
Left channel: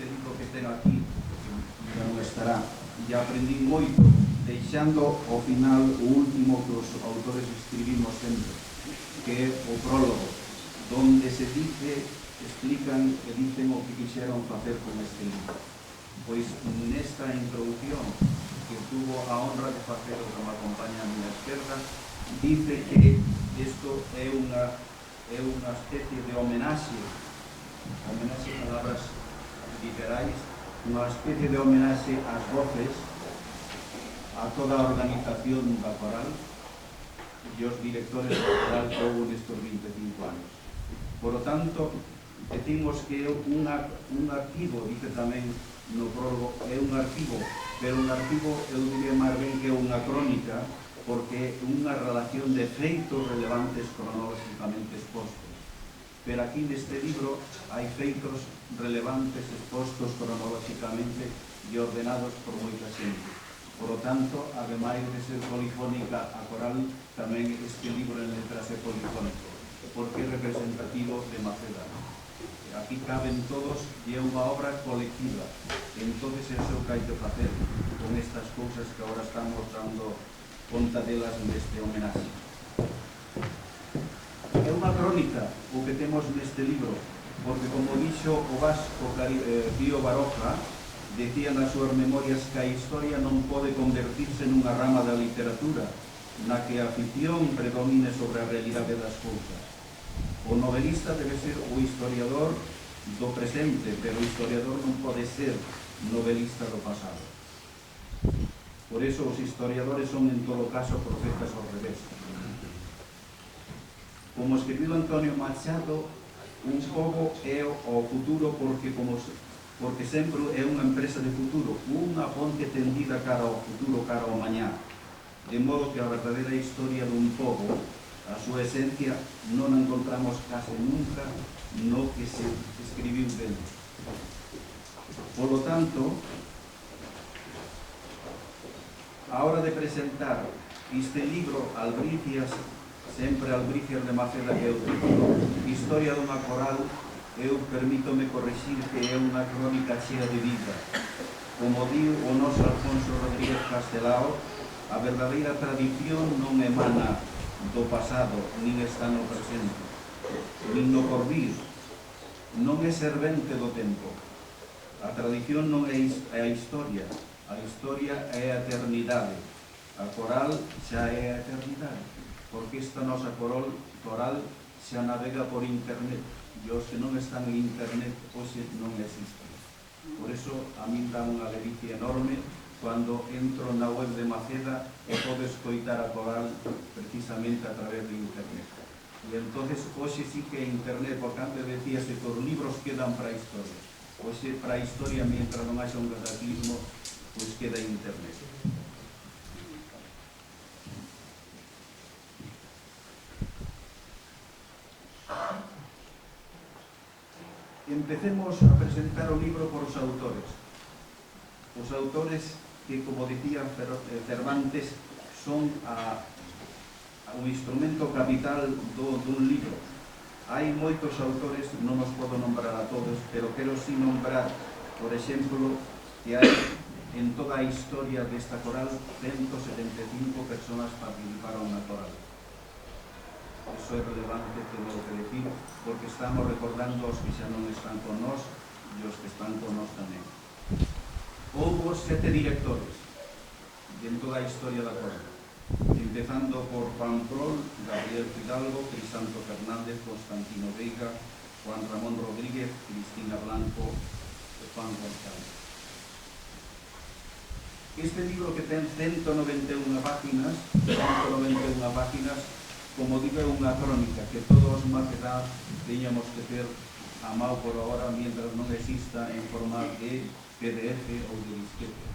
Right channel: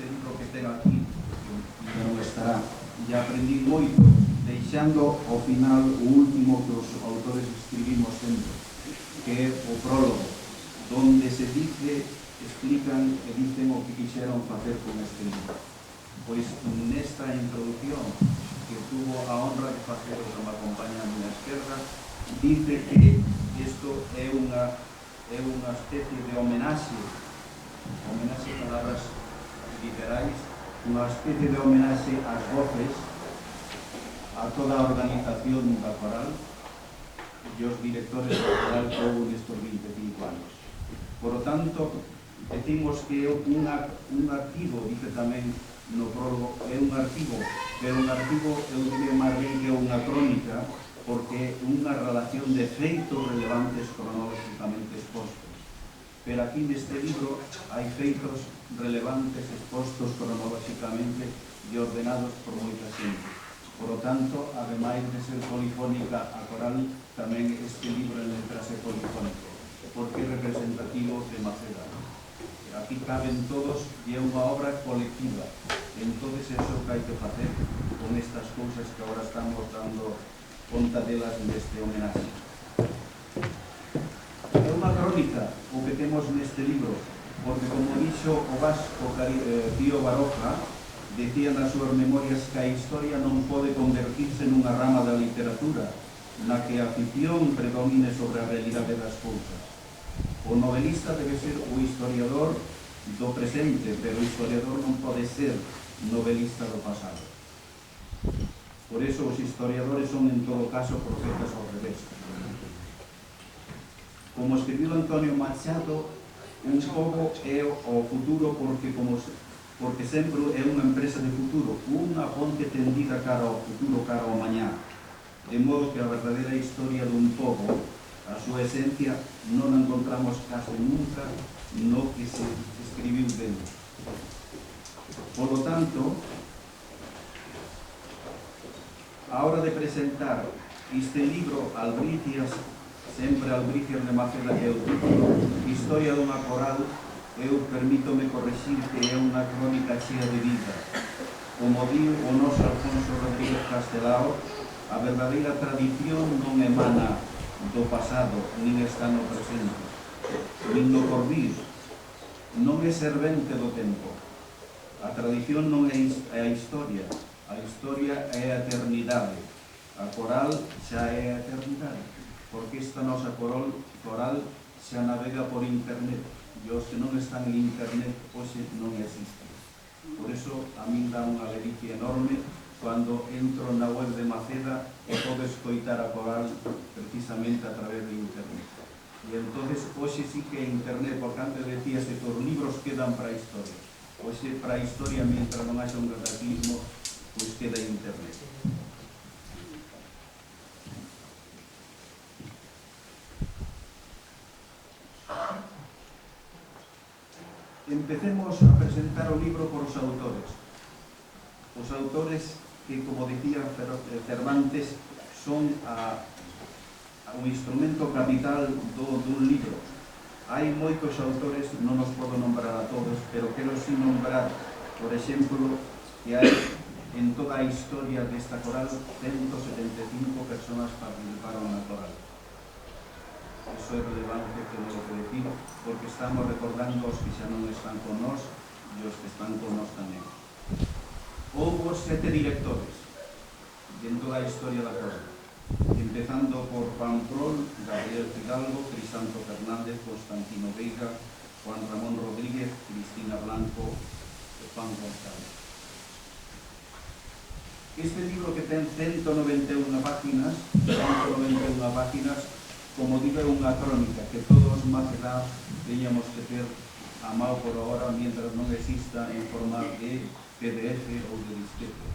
libro que ten aquí, que non estará, e aprendí moito, deixando ao final o último que os autores escribimos sempre, que é o prólogo, donde se explican e dicen o que quixeron facer con este libro. Pois nesta introducción que tuvo a honra de facer o que me acompaña a miña esquerda, dice que isto é unha especie de homenaxe palabras literais, unha especie de homenaxe ás voces, a toda a organización da coral e os directores da coral que houve nestes 25 anos. Por lo tanto, decimos que é un arquivo, dice tamén no prólogo, é un arquivo, pero un arquivo eu diría máis ben que é unha crónica, porque é unha relación de feitos relevantes cronológicamente expostos. Pero aquí neste libro hai feitos relevantes expostos cronológicamente e ordenados por moita xente. Por lo tanto, ademais de ser polifónica a coral, tamén este libro en letras é polifónico, porque é representativo de Maceda. Aquí caben todos e é unha obra colectiva. Entonces, eso é o que hai que facer con estas cousas que agora estamos dando conta delas neste homenaxe. É unha crónica o que temos neste libro, porque como dixo o vasco Pío Baroja, decía nas súas memorias que a historia non pode convertirse nunha rama da literatura na que a ficción predomine sobre a realidade das cousas. O novelista debe ser o historiador do presente, pero o historiador non pode ser novelista do pasado. Por eso os historiadores son en todo caso profetas ao revés. Como escribiu Antonio Machado, un pobo é o futuro porque sempre é unha empresa de futuro, unha ponte tendida cara ao futuro, cara ao mañá. De modo que a verdadeira historia dun pobo, a súa esencia, non a encontramos case nunca no que se escribiu dentro. Por lo tanto, a hora de presentar este libro, Albricias, sempre Albricias de Maceda, que é o título, Historia dunha coral, eu permítome correxir que é unha crónica chea de vida. Como diu o noso Alfonso Rodríguez Castelao, a verdadeira tradición non emana do pasado, nin está no presente, nin no porvir, non é servente do tempo. A tradición non é a historia é a eternidade. A coral xa é a eternidade, porque esta nosa coral xa navega por internet, e os que non están en internet hoxe non existen. Por eso a min dá unha delicia enorme cando entro na web de Maceda e podo escoitar a coral precisamente a través de internet. E entonces hoxe sí que é internet, porque antes decíase que os libros quedan para a historia. Hoxe para a historia, mientras non haxa un cataclismo, pois queda internet. Empecemos a presentar o libro por os autores. Os autores que, como dicía Cervantes, son un instrumento capital dun libro. Hai moitos autores, non os podo nombrar a todos, pero quero si nombrar, por exemplo, que hai en toda a historia desta coral 175 personas participaron na coral. Eso é relevante, tengo que decir, porque estamos recordando os que xa non están con nós e os que están con nós tamén. Houbo 7 directores en toda a historia da coral, empezando por Juan Prol, Gabriel Fidalgo, Crisanto Fernández, Constantino Veiga, Juan Ramón Rodríguez, Cristina Blanco e Juan González. Este libro, que ten 191 páginas, como digo, é unha crónica que todos macedáns teñamos que ter a mão por ahora, mientras non exista en forma de PDF ou de disquete.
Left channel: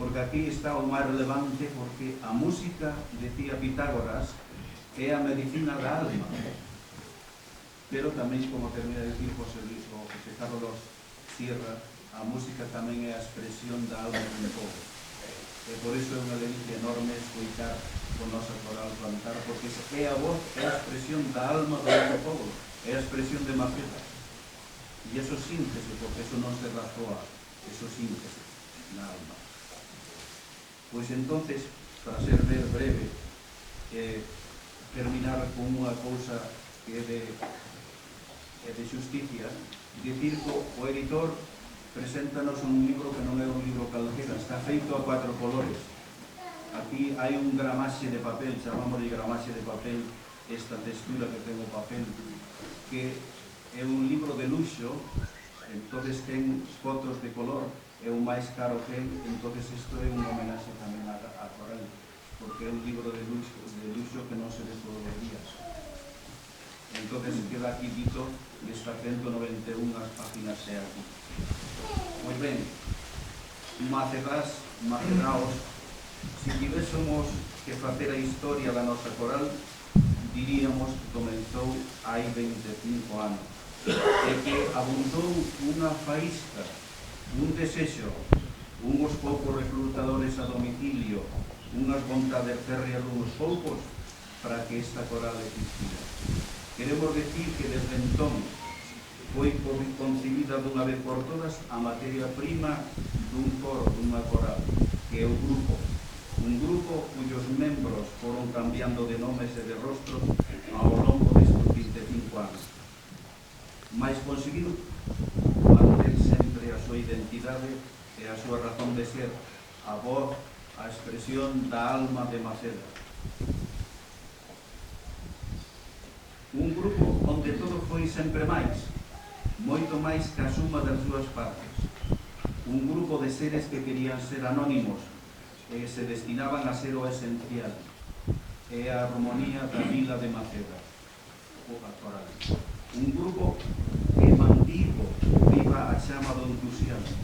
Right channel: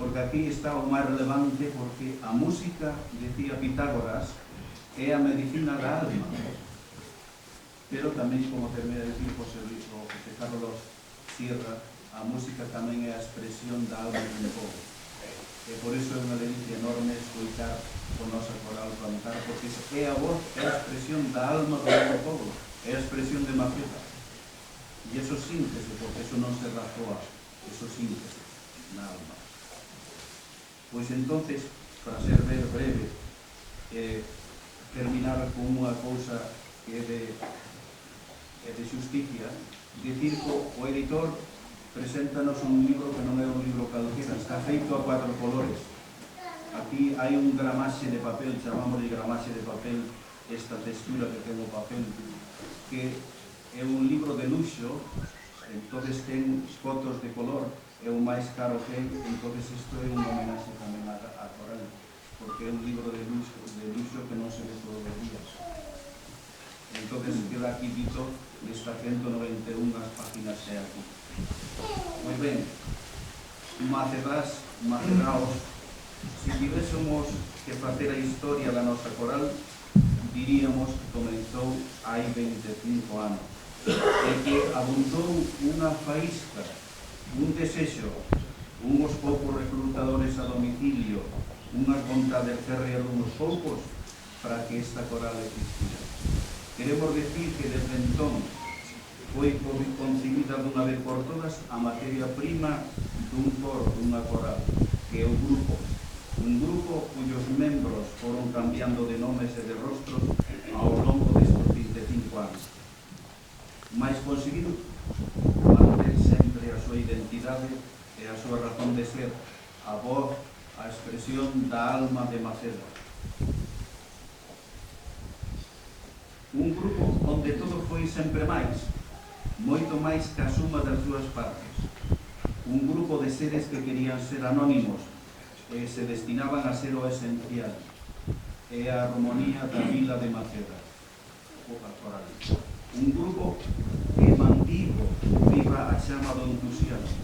Porque aquí está o máis relevante, porque a música, decía Pitágoras, é a medicina da alma. Pero tamén, como termina de decir José Carlos Sierra, a música tamén é a expresión da alma dun pobo. E por iso é unha delicia enorme escoitar o nosa coral cantar, porque é a voz, é a expresión da alma do noso pobo, é a expresión de Maceda. E eso síntese, porque eso non se razoa, eso síntese na alma. Pois entonces, para ser breve, terminar con unha cousa que é de xusticia, dicir que o editor preséntanos un libro que non é un libro calquera, está feito a 4 colores. Aquí hai un gramaxe de papel, chamámoslle gramaxe de papel, esta textura que ten o papel, que é un libro de luxo, entonces ten fotos de color, é o máis caro que é, entonces isto é un homenaxe tamén a coral, porque é un libro de luxo que non se ve todos os días. Entonces queda aquí dito destas 191 páginas é aquí. Moi ben, macedaos, se tivésemos que facer a historia da nosa coral, diríamos que comenzou hai 25 anos, e que abundou unha faísca, un desexo, unhos poucos reclutadores a domicilio, unhas vontades férreas dunhos poucos para que esta coral existira. Queremos decir que desde entón foi concibida dunha vez por todas a materia prima dun coro, dunha coral, que é o grupo. Un grupo cuyos membros foron cambiando de nomes e de rostros ao longo destes 25 anos. Mais conseguiu manter sempre a súa identidade e a súa razón de ser, a voz, a expresión da alma de Maceda. Un grupo onde todo foi sempre máis, moito máis que a suma das súas partes. Un grupo de seres que querían ser anónimos, se destinaban a ser o esencial, e a armonía da vila de Maceda, o coral. Un grupo que mantivo viva a chama do entusiasmo,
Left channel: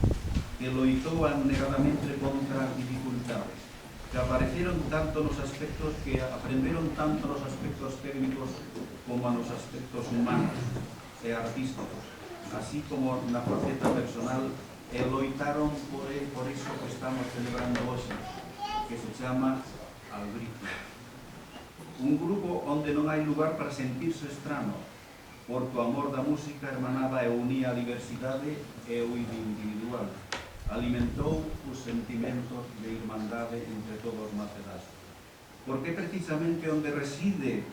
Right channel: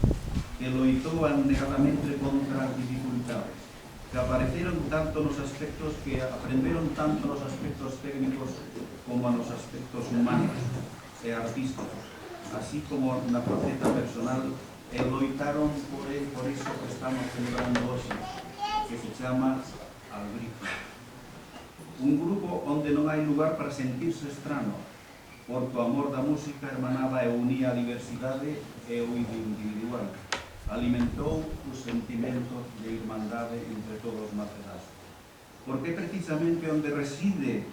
que loitou abnegadamente contra as dificultades, que apareceron tanto nos aspectos, que aprenderon tanto nos aspectos técnicos como nos aspectos humanos e artísticos, así como na faceta personal, e loitaron por iso que estamos celebrando hoxe, que se chama Albricia. Un grupo onde non hai lugar para sentirse estrano, porque o amor da música hermanaba e unía a diversidade e o individual. Alimentou o sentimento de irmandade entre todos os macedás. Porque precisamente onde reside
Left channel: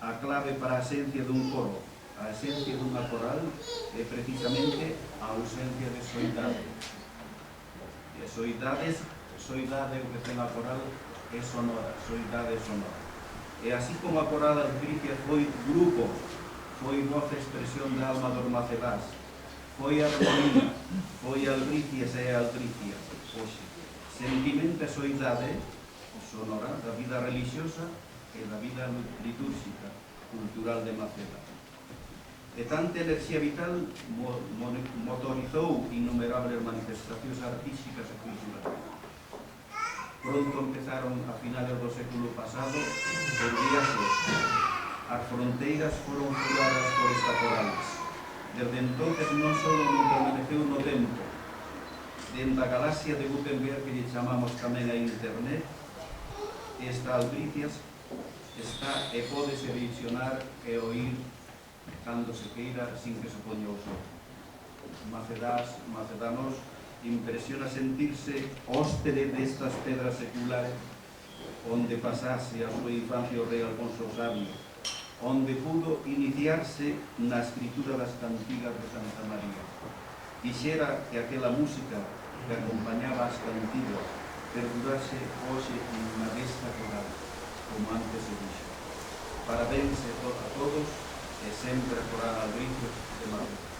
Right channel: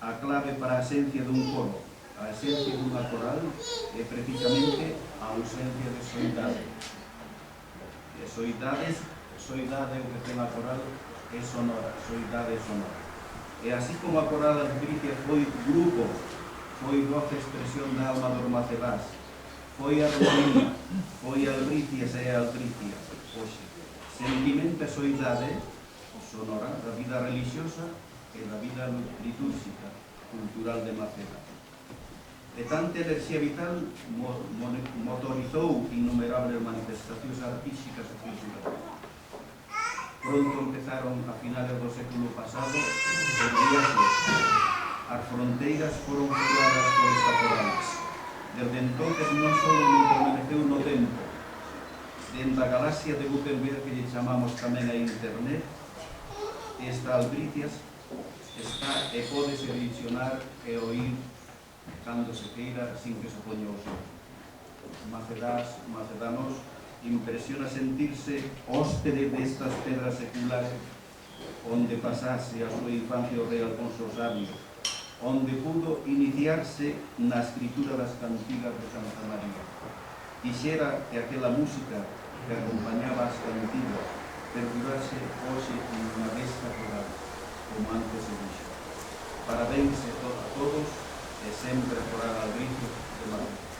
a clave para a esencia dun coro, a esencia dunha coral, é precisamente a ausencia de soidade. E soidade o que ten a coral é sonora, soidade sonora. E así como a coral Albricia foi grupo, foi voz e expresión da alma dos macedás, foi armonía, foi Albricias e Albricias, hoxe. Sentimento e soidade sonora da vida religiosa e da vida litúrgica, cultural de Maceda. E tanta enerxía vital motorizou innumerables manifestacións artísticas e culturales. Pronto empezaron a finales do século pasado os viaxes. As fronteiras foron furadas por esta corales. Desde entonces non só non permaneceu no tempo, dentro da galaxia de Gutenberg, que lle chamamos tamén a internet, esta Albricias está e pódese visionar e oír cando se queira sin que se poña o sol. Macedanos, impresiona sentirse hóspede destas pedras seculares onde pasase a súa infancia o rei Alfonso Sabio, onde pudo iniciarse na escritura das cantigas de Santa María. Quixera que aquela música que acompañaba as cantigas perdurase hoxe na desta coral, como antes se dixo. Parabéns a todos e sempre a coral Albricia de Madrid.